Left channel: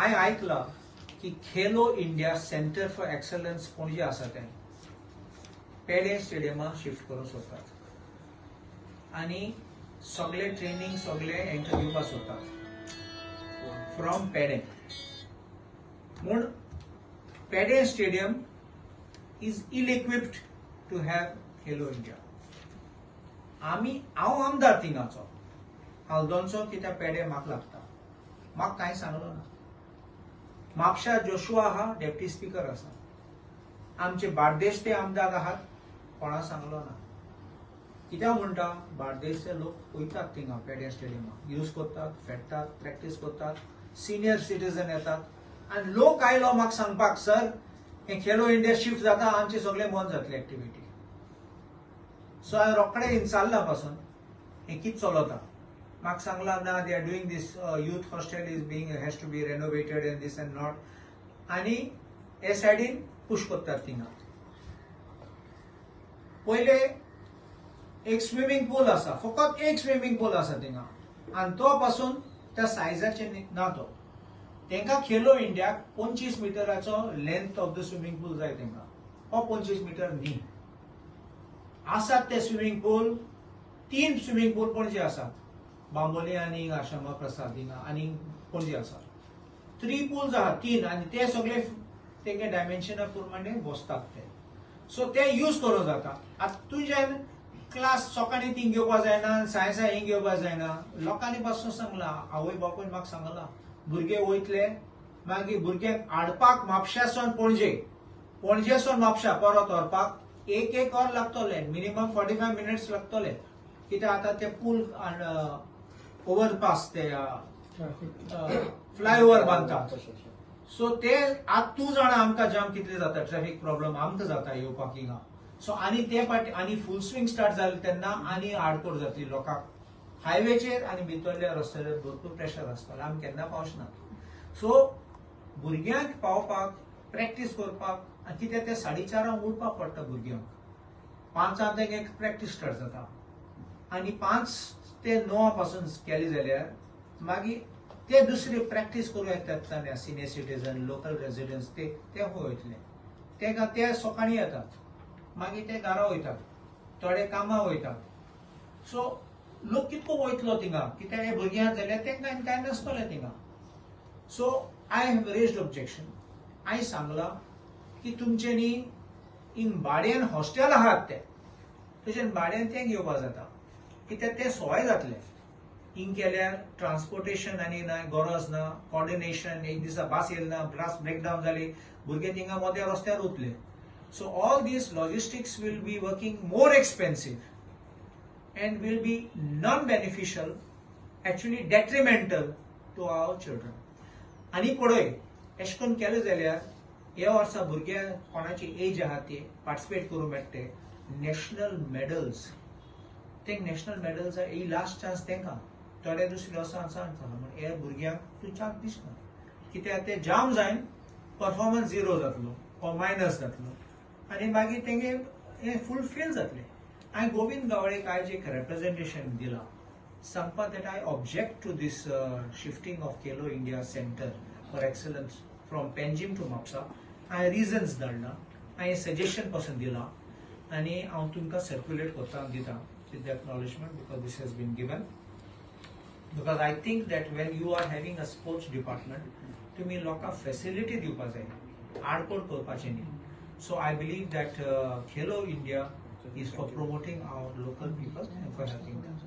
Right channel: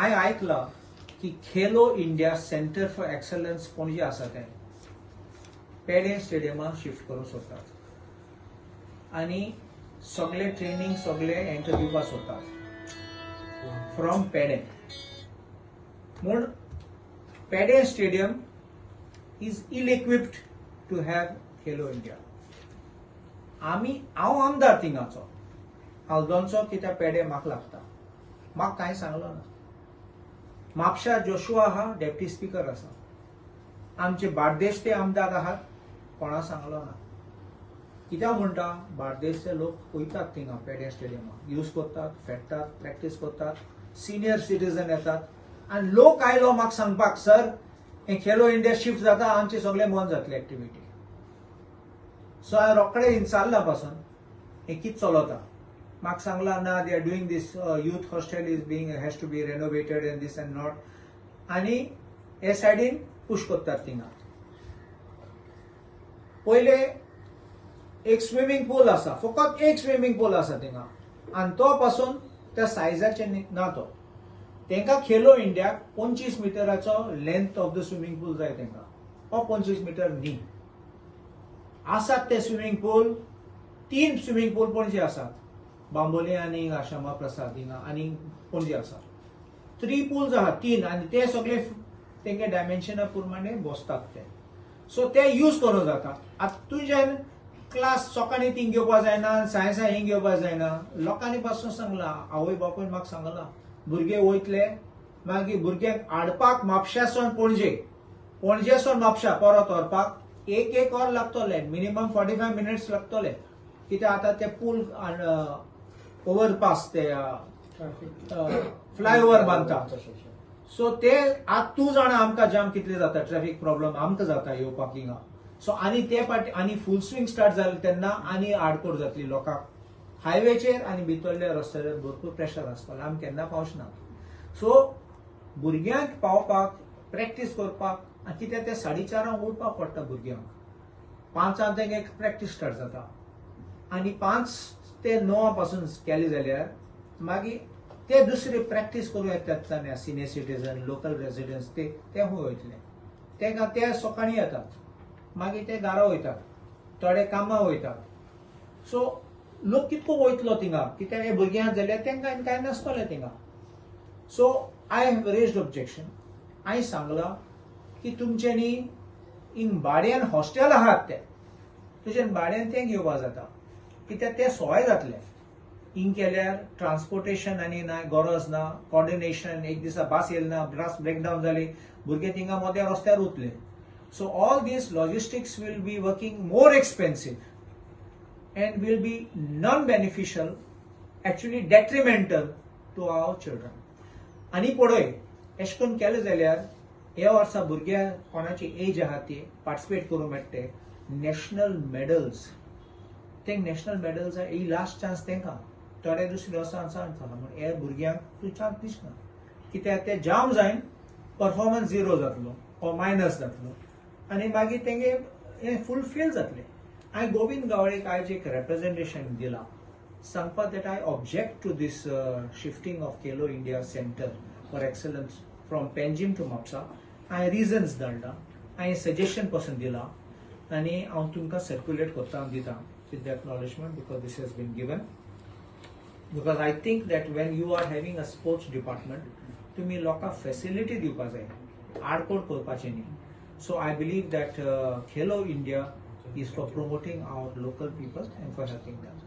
हांवें आयकलां की Khelo India centre for excellence पणजे आसा तें पेडे स्टेडियमाक शिफ्ट करूंक सोदतात आनी सगळे ट्रेनिंग सगळे हेंका दिवपाक सोदतात फ्रॉम पेडे म्हूण Peddem stadium is ill equipped to have Khelo India. हांव आमदार थिंगाचो हल्दोनचो कित्याक पेडे म्हाका लागता. म्हाका कांय सांगलो ना. म्हापशा जोशुआ आहा डेप्टी स्पीकर आसा. आमचे बार्देसचे आमदार आहात कोणा सांगलो ना. कित्याक म्हणटा बार्देसचे लोक वयतात थिंगा पेडे स्टेडियमाक यूज करतात फेडटात प्रॅक्टीस करतात सिनियर सिटीजन येतात आनी लोक आयलो म्हाका सांगपाक सर हे खेलो इंडिया शिफ्ट जाता आमचे सगळे बंद जातले एक्टिविटी. सो हांवें रोखडे विचारला पासून हे कितें चलता. म्हाका सांगला ना they are doing this youth hostel is being has to be renovated and this and not आनी हे सायडीन पुश करतात थिंगा. पयले एक स्विमींग पूल आसा फकत एक स्विमींग पूल आसा थिंगा आनी तो पासून त्या सायजाचे ना तो. तेंका खेलो इंडियाक 25 मिटराचो लेंथ ऑफ द स्विमींग पूल जाय तेंका. हो 25 मिटर न्ही. आसात ते स्विमींग पूल 3 स्विमींग पूल पणजे आसात बांबोली आनी श्यामा प्रसाद हिंगा आनी पणजे आसा 3 पूल्स आहात 3 आनी ते सगळे तेंगे डायमेन्शना प्रमाणे बसतात ते. सो ते यूज करूं जाता. आतां तुज्यान क्लास सकाळीं थिंग घेवपा जायना सायन्सा हिंग घेवपा जायना. लोकांनी पासून सांगला आवय बापूय म्हाका सांगला भुरगे वयतले मागीर भुरग्यांक हाडपाक म्हापशासून पणजेसून म्हापशा परत व्हरपाक एक वर लागतले मिनिमम 45 मिनिट्स लागतले. कित्याक आतां ते पूल ओवरपास ते फ्लायओव्हर बांदतात. सो ते आतां तूं जाणा आमकां जाम कितले जाता ट्रॅफिक प्रॉब्लेम आमकां जाता येवपाक हिंगा. सो आनी ते पाटी आनी फूल स्विंग स्टार्ट जालें तेन्ना आनी आडकोड जातली लोकांक. हायवेचेर आनी भितरल्या रस्त्याचेर भरपूर प्रेशर आसतलें आमी केन्ना पावचना. सो भुरग्यांक पावपाक प्रॅक्टीस करपाक कित्याक ते 4:30 उठपाक पडटा भुरग्यांक. 5 तेंगे प्रॅक्टीस स्टार्ट जाता आनी 5 ते 9 पासून केले जाल्यार मागीर ते दुसरे प्रॅक्टीस करूं येतात सिनियर सिटीजन लोकल रेजिडेंट्स ते खूंय वयतले. ते सकाळीं येतात मागीर ते घरा वयतात थोडे कामां वयतात. सो लोक कितको वयतलो थिंगा कित्याक हे भुरग्यांक जाल्यार तेंकां कांय नासतलें थिंगा. So I have raised objection. हांवें सांगलां की तुमच्यांनी हिंग भाड्यान हॉस्टेल आहात ते तुज्यान भाड्यान ते घेवपा जाता कित्याक ते सवाय जातले. हिंग केल्यार ट्रान्सपोर्टेशन आनी ना गरज ना कॉर्डिनेशन एक दिसा बस येयली ना बस ब्रेकडावन जाली भुरगे थिंगा मोद्या रस्त्यार उरतले. So all this logistics will be working more expensive and will be non beneficial actually detrimental to our children. आनी पळय अशें करून केलें जाल्यार ह्या वर्सा भुरग्या कोणाची एज आहा ती पार्टिसिपेट करूंक मेळटे नॅशनल मेडल्स. ते नॅशनल मेडल्स ही लास्ट चान्स तेंकां थोडे दुसरे वर्सां सांगतलो म्हण हे भुरग्यांक तूं चान्स दिसना कित्याक ते जाम जायन परफॉर्मन्स झिरो जातलो ओ मायनस जातलो आनी मागीर तेंगे हे फूल फेल जातले. हांवें गोविंद गावडेक आयज एक रेप्रेजेंटेशन दिलां सांगपाक that I object to this shifting of Khelo India centre for excellence from Panjim to Mapusa. हांवें रिजन्स धाडला हांवें सजेशन पासून दिलां आनी हांव तुमकां सर्क्युलेट करता दितां with the acknowledgement because this has been given because I think that when you are having a sports department तुम्ही लोकांक facility दिवपाक जाय आडकोड करपाचें न्ही. So I believe that Khelo India is for promoting our local people and for helping them.